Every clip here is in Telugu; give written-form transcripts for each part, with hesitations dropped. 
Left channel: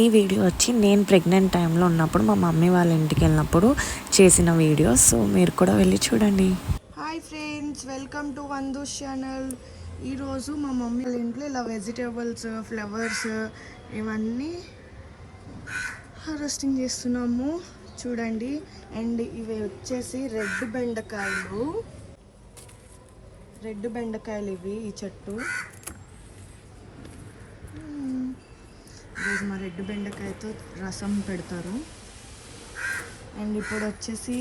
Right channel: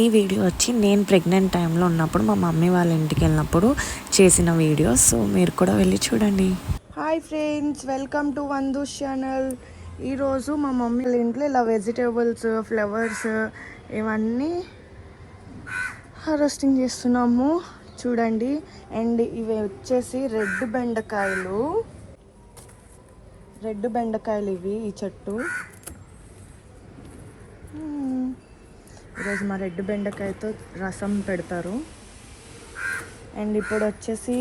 ఈ వీడియో వచ్చి నేను ప్రెగ్నెంట్ టైంలో ఉన్నప్పుడు మా మమ్మీ వాళ్ళ ఇంటికి వెళ్ళినప్పుడు చేసిన వీడియో. సో మీరు కూడా వెళ్ళి చూడండి. Hi friends, welcome to Vandu's channel. ఈరోజు మా మమ్మీ వాళ్ళ ఇంట్లో ఇలా వెజిటేబుల్స్, ఫ్లవర్స్ ఇవన్నీ హార్వెస్టింగ్ చేస్తున్నాము చూడండి. అండ్ ఇవి వచ్చేసి రెడ్ బెండకాయలు ఇవి ఈ చెట్టు. ఈరోజు మా రెడ్ బెండకాయతో రసం పెడతారు. అండ్ ఇప్పుడు వచ్చేసి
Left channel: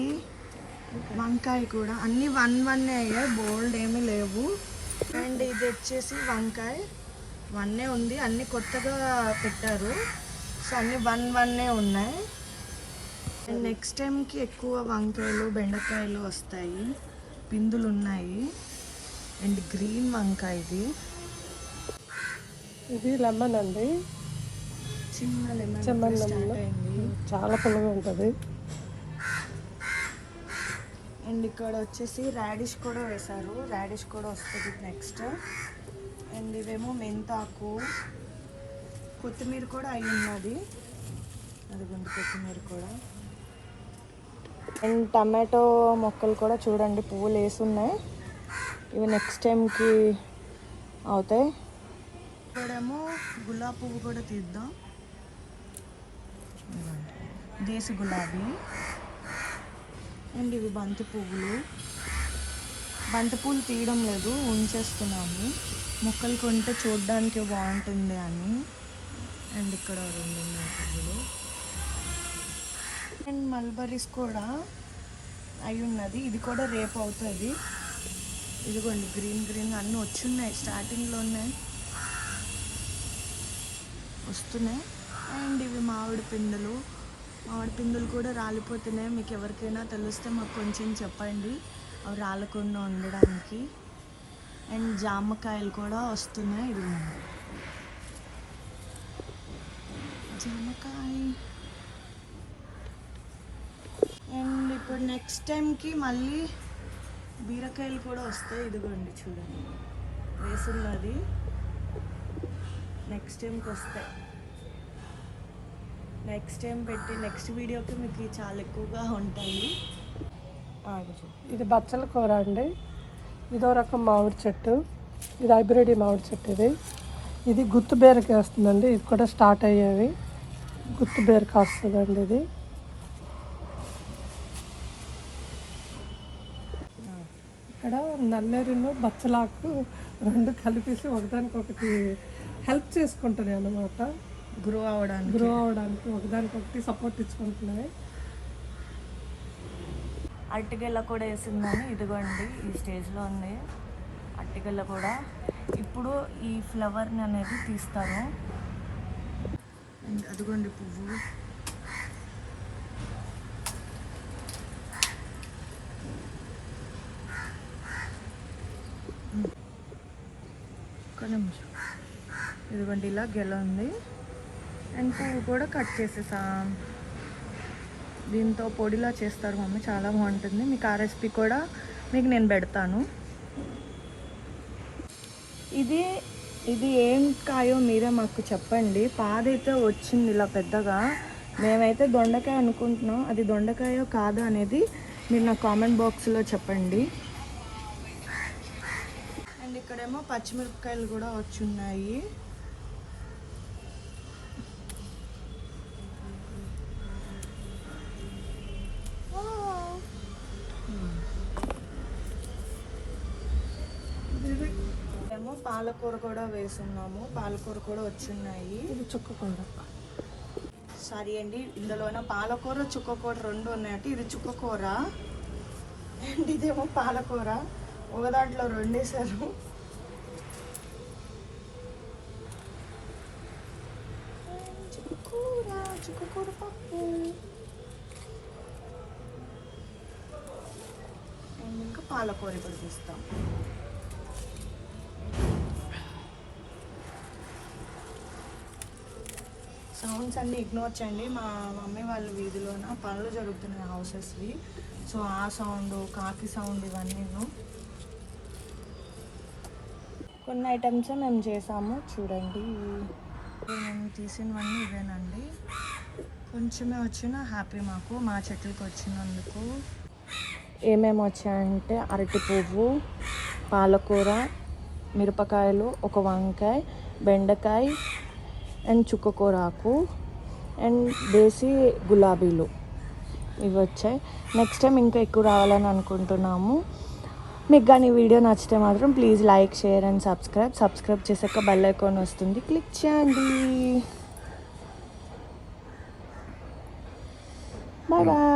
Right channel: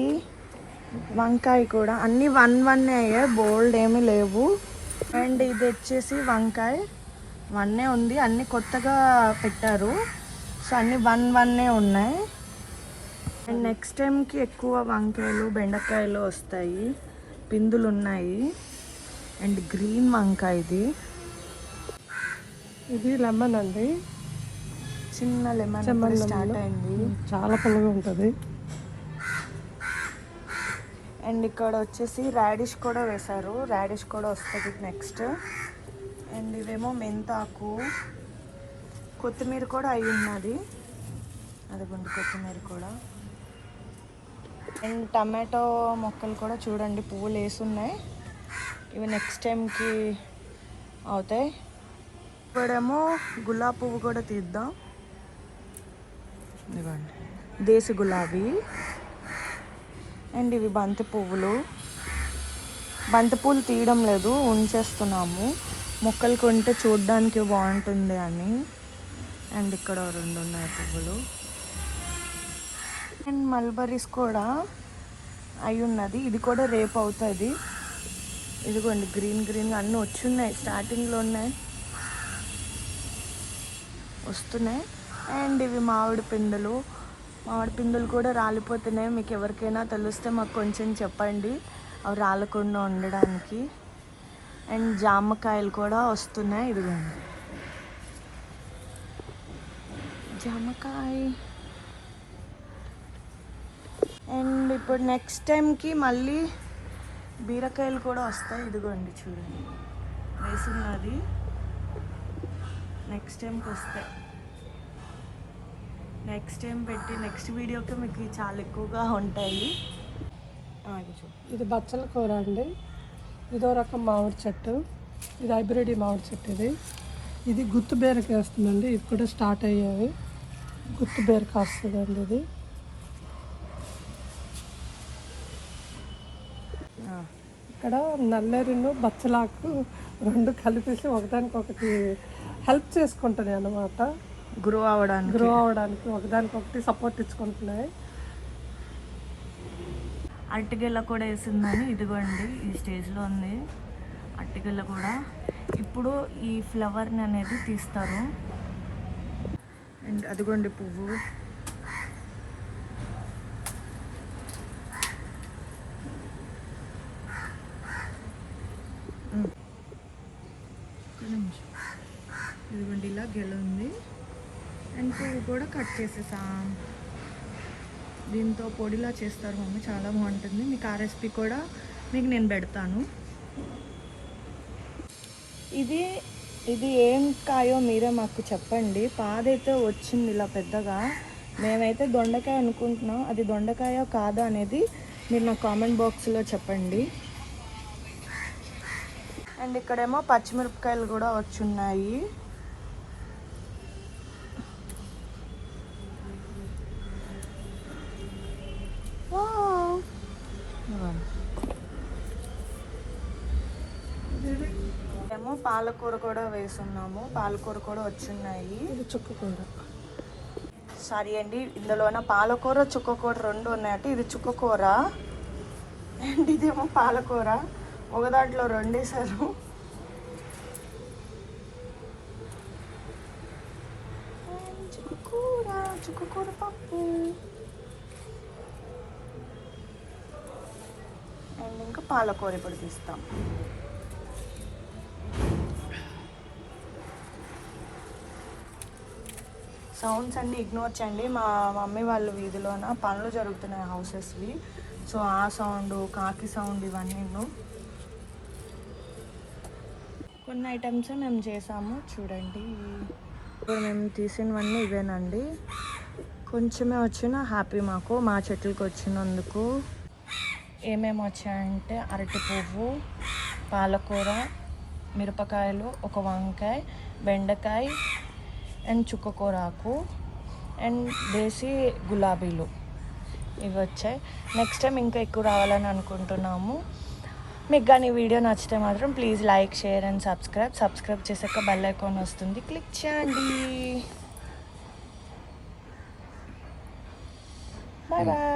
వంకాయ కూడా అన్నీ 1 అయ్యాయి, బోల్డ్ ఏమీ లేవు. అండ్ ఇది వచ్చేసి వంకాయ 1 ఉంది, అన్నీ కొత్తగా పెట్టారు. సో అన్నీ 1 ఉన్నాయి. అండ్ నెక్స్ట్ టైంకి ఎక్కువ వంకాయలు బెండకాయలు వస్తాయి, పిందులు ఉన్నాయి. అండ్ గ్రీన్ వంకాయ ఇది లెమన్ అండి, చిన్న లెమన్ స్టార్ట్ అయింది, చాలా పుల్లగా ఉంటుంది. అండ్ ఇక్కడ వచ్చేసి రాడిష్ కూడా వేశారు, రాడిష్ కూడా వస్తుంది నెక్స్ట్. అండ్ ఇవేమో మెంతాకు, కొత్తిమీర కూడా అయి ఉన్నది, అదిగోండి కొత్తిమీర కూడా. అండ్ టమాటో మొక్కలు కూడా చూడండి, పువ్వులు వేసున్నాయి. ఇవి నెక్స్ట్ టైంకి అవుతాయి. ఇప్పుడేమో గులాబీ పువ్వు కూడా తీద్దాం. ఇవ్వండి దేశీ గులాబీ. అండ్ ఇవి బంతి పువ్వులు తీయడం లేదు, ఉంచేస్తున్నాము, మొక్కలు కొంటే చూడడానికి బాగుంటుంది అని. అండ్ ఇక్కడ 2 ఉన్నాయి పువ్వులు. అండ్ మల్బరీస్ కూడా అయి ఉన్నది, ఇది కూడా రేపు అవుతుంది. ఇదిగోండి గ్రీన్ అన్నీ వచ్చున్నాయి, స్టార్టింగ్లో ఉన్నాయి, వస్తున్నాయి. అండ్ ఇవి మామిడి పిందులు కూడా రాలిపోతున్నాయి. మీకు ఎవరికైనా తెలిస్తే మాకు కొంచెం చెప్పండి, అవి రాలకుండా ఉండడానికి. అండ్ జామకాయలు కూడా వస్తున్నాయి, ఇదిగోండి జామకాయ. అండ్ ఇప్పుడు నెక్స్ట్ టైంకి మళ్ళీ బీరకాయలు కూడా వస్తాయి, ఇదిగోండి చూడండి వేసున్నది, నెక్స్ట్ టైంకి వస్తాయి. నెక్స్ట్ టైం పెట్టి నెక్స్ట్ వీడియోకి మీకు చాలా ఎక్కువగా ఉంటాయి. ఇది బచ్చల కూర అండి, ఇదో రకం మామిడి చెట్టు, ఇది హైబ్రిడ్ మామిడి చెట్టు. ఇది గుత్తు బేరకి వస్తుందండి, ఇది కూడా స్టార్ట్ అయ్యేది, గుత్తు బేరకి వస్తుందండి. ఇది ఇక్కడ నల్లేరును బచ్చలాకు 2 కలిపేసి ఒకదానికొకటి హెల్ప్ చేసుకుంటున్నాయి అన్నమాట, గ్రో అవడానికి ఒకదానికొకటి సపోర్ట్ ఇచ్చుకుంటున్నాయి. అరటిగెల్ల కూడా వేసిందని, ఇదిగోండి ఈ స్టేజ్లో ఉంది అరటిగెల్ల కూడా. ఇప్పుడు ఈ ఫ్లవర్ని అనేది తీస్తాము. అండ్ అదిగోండి పువ్వు. ఇదిగోండి ఇలా గెల ఉంది. అండ్ పువ్వు కూడా కట్ చేసేసాం. దీంతో పొడిలా చేస్తారు మమ్మీ, చాలా బాగుంటుంది. మీకు ఆ రెసిపీ కూడా మీకు నేను పెడతాను. ఇది ఏం కాయో మీరే మాకు చెప్పండి. పాదైతే వచ్చింది ఇలా పెద్దగా, మేమైతే దొండకాయ అనుకుంటున్నాం. అది దొండకాయ కాదా అనేది మీరు నా కామెంట్ బాక్స్లో చెప్పండి. అండ్ ఇక్కడేమో పచ్చిమిరపకాయలు కూడా వచ్చున్నాయి. ఏమో పాలకూర కూడా వేసున్నాము, పాలకూర కూడా వచ్చున్నాయి. చుక్కకూర, సారీ అండి, ఇందులోన పాలకూర చుక్కకూర 2 ఉన్నాయట. ఇది చుక్కకూర అండ్ ఇదేమో పాలకూర, ఒక దాంట్లో 2 వేసారు. చుక్కకూర పప్పు. అండ్ ఇంకా పాలకూర ఇప్పుడు తీస్తాం. సౌండ్స్ అన్నీ ఇగ్నోర్ చేయండి, మా మమ్మీ వాళ్ళ వీధిలోన పనులు జరుగుతున్నాయి హౌసెస్వి. సో ఆ సౌండ్, కాకి సౌండ్, ఇవన్నీ కొన్ని ఐటమ్స్ మేము చేసాము చూడండి. ఇప్పుడు మేము తీసినవన్నీ ఇవేనండి. కొంచెమే వచ్చిన హ్యాపీ మాకు, మా చెట్లకు వచ్చినందుకు. ఏమేమి వచ్చాయంటే అరటి పువ్వు, పాలకూర, మిరపకాయలు, ఒక వంకాయ, బెండకాయ అండ్ చుక్కకూర ఆకు అండ్ దేశీ గులాబీలు ఇవి వచ్చాయి. నెక్స్ట్ టైం ఇంకా ఎక్కువ రావాలని అనుకుంటున్నాము. మీకు కానీ వీడియో నచ్చితే మాత్రం please like, share and subscribe చేసాక బెల్ ఐకాన్ వస్తుంది, క్లిక్ చేయండి. Bye bye.